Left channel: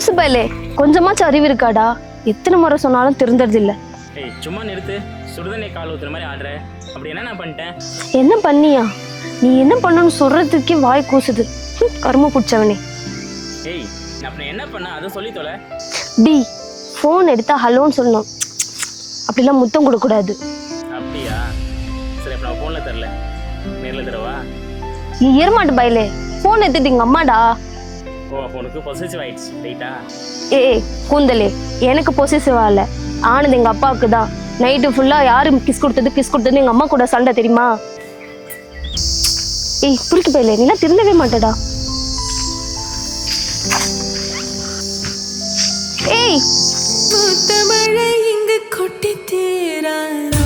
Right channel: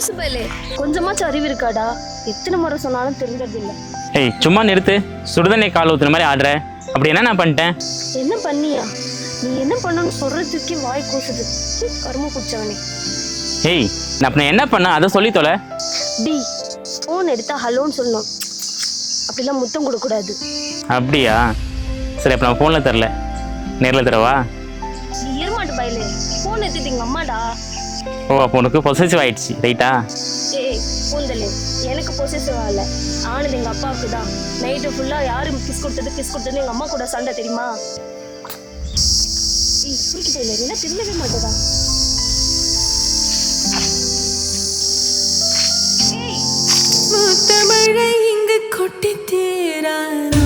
லூசு பயலே, கொஞ்சமாச்சும் அறிவு இருக்காடா? எத்தனை முறை சொன்னாலும் திருந்தறது இல்ல. ஏய் சும்மா நிறுத்து. சுடுதண்ணி கால் ஊத்துன மாதிரி ஆடுற. அப்படி என்ன நான் பண்ணிட்டேன்? என்ன பண்ணியா? நீ என்ன பண்ணணும்னு சொல்றதுக்கே வாய் கூசுது. கரும பிடிச்சவனே. ஏய் நான் அப்ப என்ன பண்ண அதை சொல்லி தொலை. டி, ஃபோன் எடுத்தா ஹலோன்னு சொல்லணும். அப்படிலாம் முத்தம் கொடுக்கூடாது. அப்படியா? சரி அப்ப நான் ஃபோனில் தரல, நேரில் தரவா? நீ ஏறமாட்ட பயலே, ஃபோன் எடுத்துட்டு எங்க அம்மாடா. ஓ அப்போ உனக்கு பொசசிவ் ஆயிடுச்சு ரைட்டா? ஏய் கூந்தலே, எனக்கு பொசிசிவா இல்ல, ஆனது எங்க அப்பாவுக்கு தான். நைட்டு ஃபுல்லா யாரு கிஸ் கொடுத்தது எங்க அம்மா கூட சண்டை தெரியுமா? ஏய் புரிக்கு பயலே, நீலாம் திருந்தவே மாட்டடா. ஏய் முத்தமழை இங்கு கொட்டி தீரானோ